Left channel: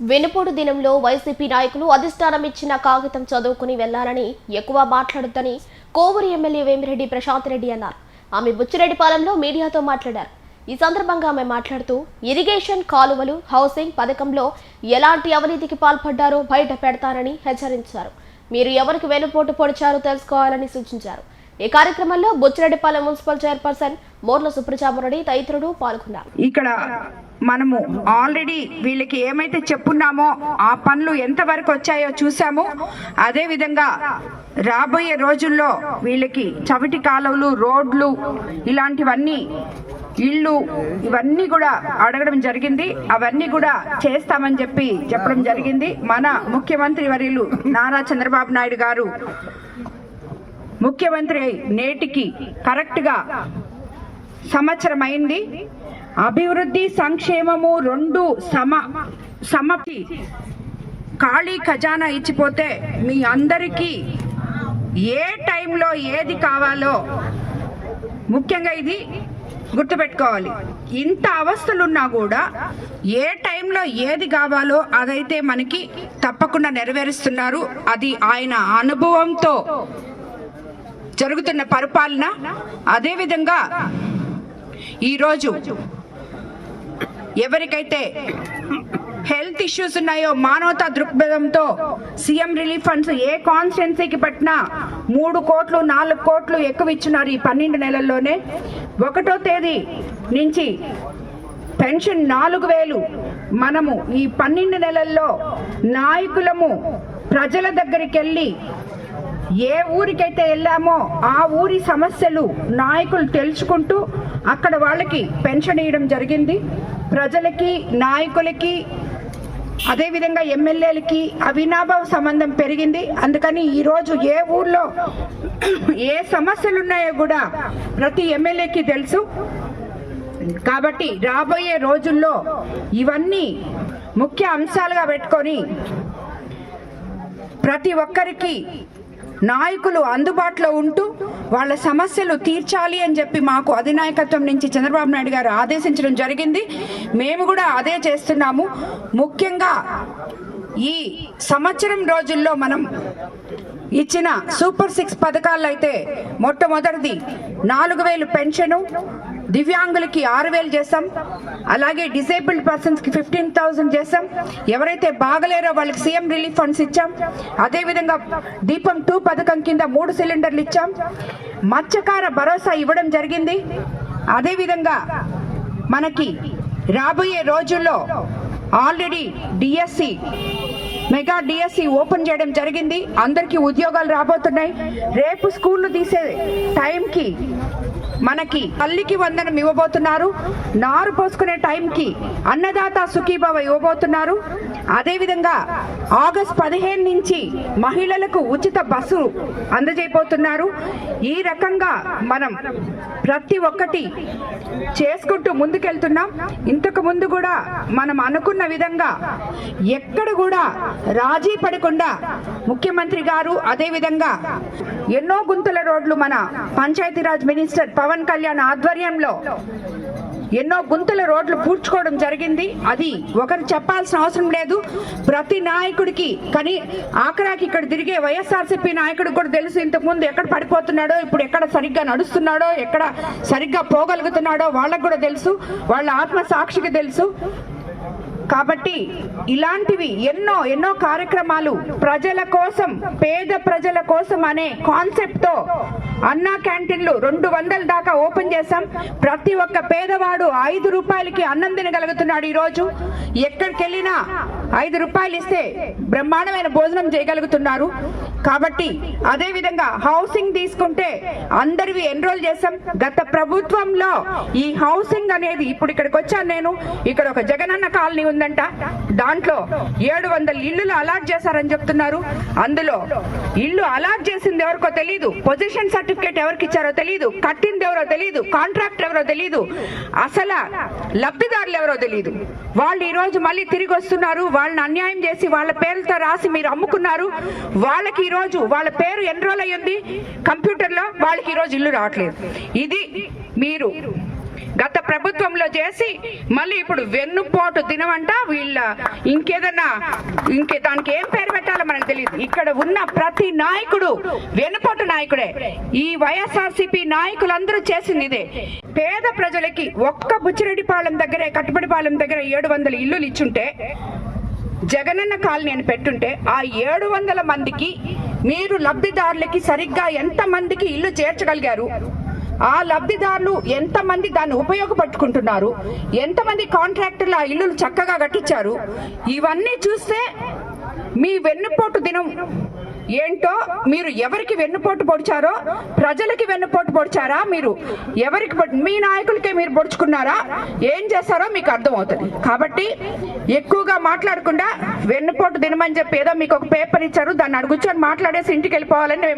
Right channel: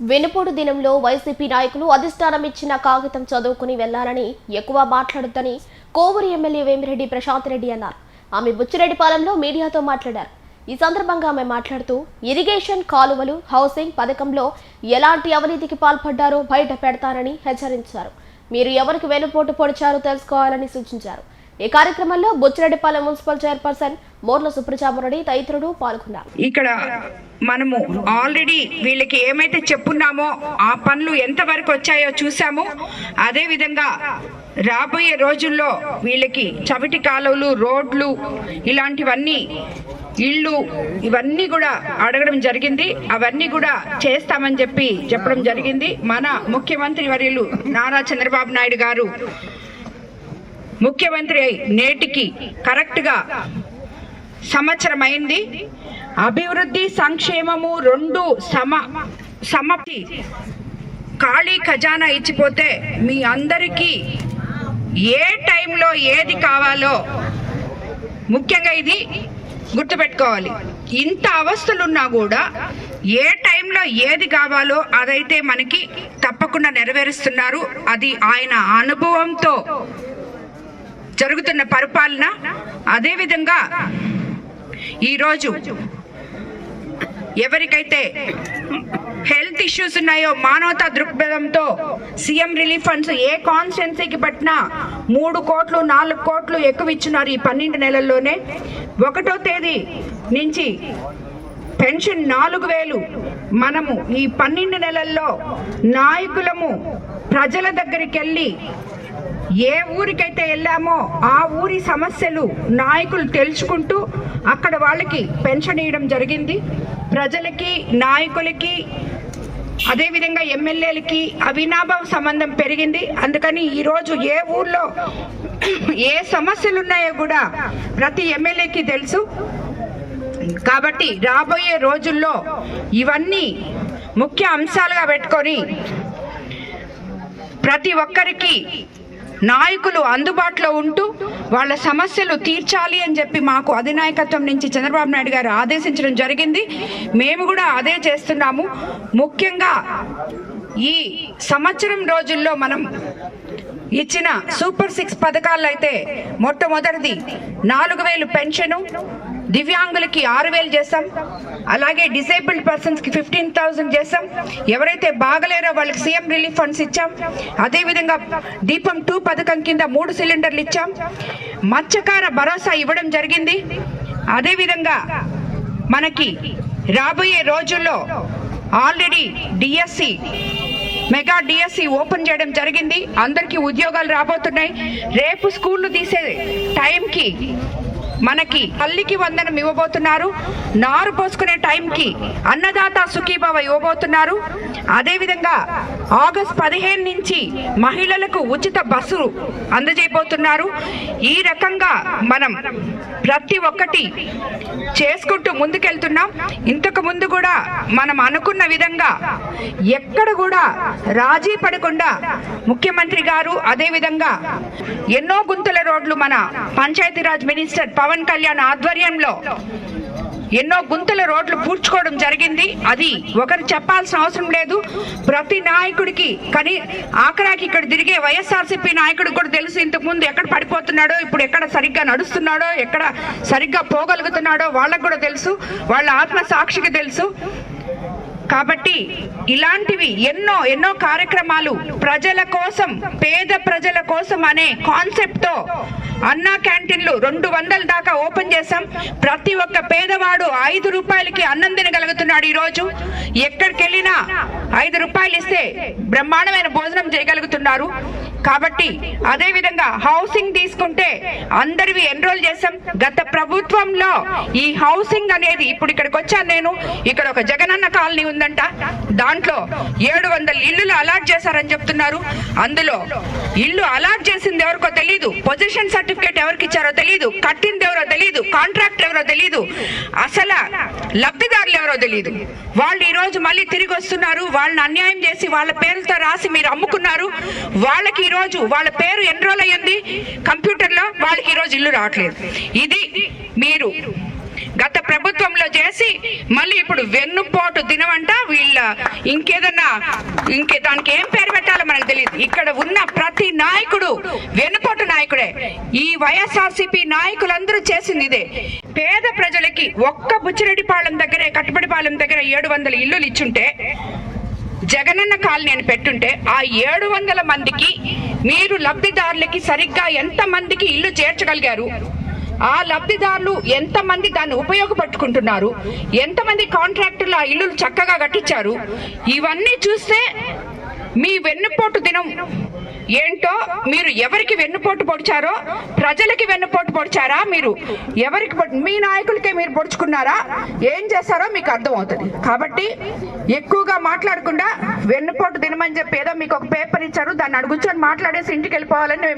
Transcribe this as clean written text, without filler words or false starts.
వెనుపోటు దినంలో వైసీపీ నాయకులు అధిష్టానం ఇచ్చిన కాగితం చదువుకుని వెళ్లాలని ఎక్కువ మాట్లాడొద్దని కోవూరు ఎమ్మెల్యే వేమిరెడ్డి ప్రశాంత్ రెడ్డి అన్నారు. ఆమె బుచ్చిరెడ్డిపాలెంలో మీడియాతో మాట్లాడారు. ఈ సందర్భంగా ఆమె మాట్లాడుతూ ఇరిగేషన్, కాలువలు, హౌసింగ్ పథకంలో ఎలాంటి అవినీతికి పాల్పడ్డారో బయట పెడతారని హెచ్చరించారు. మీరు ఎవరికి వెనుపోటు పొడిచారో తెలుసుకోవాలని సూచించారు. ఈ కార్యక్రమంలో బుచ్చిరెడ్డిపాలెం మున్సిపల్ చైర్పర్సన్ మోర్ల సుప్రజామరెడ్డి తదితరులు పాల్గొన్నారు. ఇక్కడ మనము ఆల్రెడీ వీళ్ళకి ఏమైతే చెప్పున్నామో ఆ పనులు ఎంతవరకు వచ్చాయో చూసాము. అదే విధంగా రాబోయే రోజుల్లో వీళ్ళకి చవిటి కాలువలు, రోడ్లు, ఇలాంటివన్నీ, ఇళ్ళు, ఇవన్నీ కూడా అడగడం జరిగింది. అవన్నీ కూడా చేస్తామని చెప్పడం జరిగింది. మన ముఖ్యమంత్రి వర్యులు నారా చంద్రబాబు నాయుడు గారు ముఖ్యమంత్రి నేటికి కరెక్ట్గా సంవత్సరం అయింది. అభివృద్ధి, సంక్షేమము రెండు సమతి ఖాళీ ఖజానా ఇచ్చిపోతే మీ అందరికీ ఏ టైంలో ఏది కావాలో ముఖ్యంగా ఇది గుర్తుపెట్టుకోవాలి. ఇంత అవస్థలున్నా కూడా ఏ టైంలో ఏది కావాలో అదైతే మనకి తప్పకుండా నెరవేరుస్తున్నారు. అది ఆయన అనుభవంతో జరుగుతున్న పరిపాలన. అదేవిధంగా ఈరోజు ఎవరికైతే హెల్త్ ఇష్యూస్ ఉన్నాయో మానవతా దృక్పథంతో సీఎం రిలీఫ్ ఫండ్స్ ఏ కాన్స్టిట్యున్సీకి పట్టినా 3 కోట్లు 4 కోట్లు ఎక్కువ ఇచ్చున్నారు ఈ 12 నెలల్లోనే. 1వ తేదీ నుంచి పెన్షన్ 4000. మనము ఈ 12 నెలల్లో నాయకులము ప్రజల దగ్గరికి వెళ్ళి ఏ ఊరికైతే వెళ్ళామో ఆ ఊరి సమస్యలు నాయకులు తెలుసుకుంటూ అక్కడ వాళ్ళకి పెన్షన్ ఇవ్వడం జరిగింది. ప్రజలకి, నాయకులకి, అదేవిధంగా ఎమ్మెల్యేలకి అవినాభావ సంబంధం పెరిగింది. అందుకని ఈరోజు ఏ ఊర్లో ఏ సమస్యలు ఉన్నాయో కూడా ప్రతి ఎమ్మెల్యేకి తెలుసు. కాబట్టి రాబోయే రోజుల్లో ఇవన్నీ ముఖ్య అంశాలుగా పెట్టుకొని ప్రతి ఒక్కరికి నాయకులు అందుబాటులో ఉంటూ వాళ్ళ సమస్యలు తీర్చాలి అని చెప్పి మాకు అధినాయకత్వం నుంచి చంద్రబాబు నాయుడు గారు ఆదేశించడం జరిగింది. మేము కూడా అదే చేస్తున్నాము. ముఖ్యంగా ఈ సంవత్సరం రోజుల్లో మనం ఇచ్చిన సూపర్ 6 పథకాల్లో అయితే మొట్టమొదటిది 4000 పెన్షను, దివ్యాంగులకి 6000 చేసాం. అలాగే డిసేబుల్డ్ పర్సన్స్కి 15,000 చేసాం. ఎవరైతే బాగలేరో వాళ్ళకి సీఎం రిలీఫ్ ఫండ్స్ ఇచ్చాం. అదేవిధంగా దీపం 2 పథకం కింద 3 సిలిండర్లు ఇచ్చాం. మత్స్యకార భరోసా ఇవ్వడం జరిగింది. అదేవిధంగా మనకి రాబోయే రోజుల్లో already DSC, mega DSC open చేయడం జరిగింది. అందరికీ ఉద్యోగాలు రాబోతున్నాయి. రేపు స్కూళ్ళు తీసే టైంకి మనకి తల్లికి వందనం ఇవ్వబోతున్నారు. నారు పోసుకునే టైంకి అన్నదాత సుఖీభవ ఇవ్వబోతున్నారు. అదేవిధంగా ఆగస్టు 15 నుంచి మహిళలకు ఉచిత బస్సు అందజేయబోతున్నారు. ఈ రకంగా మనం ప్రతి ఒక్కటి చేసుకుంటూ ముందుకెళ్తున్నాం. ఇంతకు ముందు కూడా మనం అనుకున్న విధంగా ఎక్కడ కూడా రాజీ పడకుండా ముఖ్యమంత్రి గారు, అదేవిధంగా ఎన్నో గుంతల రోడ్లు మన పంచాయతీరాజ్ మినిస్టర్ పవన్ కళ్యాణ్ ఆధ్వర్యంలో ఎన్నో గుంతల రోడ్లు పూడ్చుకోవడం జరిగింది. అది ఒకరు చెప్పాల్సిన అవసరం లేదు. ప్రతి నాయకుడికి, కానీ ఆఖరాకి ఇక్కడ తిరిగే వైఎస్ఆర్సీపీ నాయకుడికి కూడా తెలుసు ఇంతకుముందు ఎక్కడ పడిపోతున్నాడో, ఇప్పుడు ఎక్కడ సరిగ్గా నడుస్తున్నాడో, ఎక్కడ సరిగ్గా పోగలుగుతున్నాడో వాళ్ళకు కూడా తెలుసు. వాళ్ళ ఆత్మ సాక్షికి తెలుసు. కాబట్టి ఇలాంటివి ఎన్నో కార్యక్రమాలు ప్రజల కోసం, పేద ప్రజల కోసం అనే కాన్సెప్ట్తో అన్నా క్యాంటీన్లు 200 దాకా ఓపెన్ చేశాం. ప్రతి ఒక్క పేదవాడు 5 రూపాయలకి అన్నం తినగలుగుతున్నాడు. ఈరోజు ఎక్కడికి వెళ్ళినా 5 రూపాయలు ఇస్తే బ్రహ్మాండమైన భోజనం చేయగలుగుతున్నారు. కాబట్టి అదేవిధంగా హౌసింగ్ తీసుకుంటే అందరివి ఎన్రోల్ చేశాం. గత ప్రభుత్వంలో ఈ హౌసింగ్ అనేది, ఇప్పుడు ఇక్కడికి వచ్చాను నేను, ఇక్కడ ఒక జగనన్న కాలనీ ఉందంట. దాంట్లో 700 ఇల్లులు అలాట్ చేశారని చెప్తున్నారు. అందులో ఇల్లు అలాట్ చేసింది ఎవరికో తెలియదు, పొజిషన్ సర్టిఫికేట్ ఎవరికి ఇచ్చారో తెలియదు, కట్టింది ఎవరో తెలియదు, కాంట్రాక్ట్ ఎవరో తెలియదు, అసలు లబ్ధిదారులు ఎవరో తెలియదు. వాళ్ళు ఈ రోజు మళ్ళీ తిరిగి వస్తున్నారు. వాళ్ళని అన్యాయం చేసి వాళ్ళ పేర్లతో రాసి మీరు అమ్ముకున్నారు. వాళ్ళకి ఈ రోజు వాళ్ళ పేరు ఎన్రోల్ అయ్యింది కంప్యూటర్లో, వాళ్ళకి ఈ రోజు ఇల్లు రావట్లేదు. ఇది మీరు గత ప్రభుత్వంలో చేసి మళ్ళీ ఇప్పుడు వెన్నుపోటు దినం అంట వీళ్ళ దానికి ఏం పేరు పెట్టాలో మనకు తెలియదు. ఇక్కడ ఉన్న ప్రతి నాయకుడు వెన్నుపోటు నాయకుడే. ఈ వైఎస్ఆర్సీపీ నాయకులందరూ చేసింది ఇదే. పేద ప్రజలకి ఒక్క బుచ్చిరెడ్డిపాళెం దగ్గరే, కట్టుబడిపాళెం దగ్గర 700 ఇల్లులు ఇచ్చుంటే, జగనన్న కాలనీ అని పెట్టుంటే, ఆ 700 మందికి మీరు లబ్ధిదారులకి సరిగ్గా ఎంత మందికి ఇల్లు చేర్చగలిగారు? ఆ లబ్ధిదారులు ఎంతమంది దాన్ని ఉపయోగపట్టుకుంటున్నారు? ఎంతమంది కాంట్రాక్టర్లు ఆ ఇల్లులు చక్కగా కట్టించారు? ఇవన్నీ చూస్తే మీ వెన్నుపోటు దినం ఏంటో, మీరు ఎవరికి వెన్నుపోటు పొడిచారో, ప్రజలకి వెన్నుపోటు పొడిచారా, మీరు ఎవరికి మీ నాయకులకే మీరు పొడుచుకున్నారా, ఏం చేశారో మీకు అర్థమవుతుంది. కాబట్టి ఎక్కువగా మాట్లాడకుండా వెన్నుపోటు దినం అని చెప్పి ఏదో మీకు ఒక పేపర్ ఇచ్చారు, దాన్ని అడుగుచొని మాట్లాడేసి ఇంటికి వెళ్ళిపోవాలని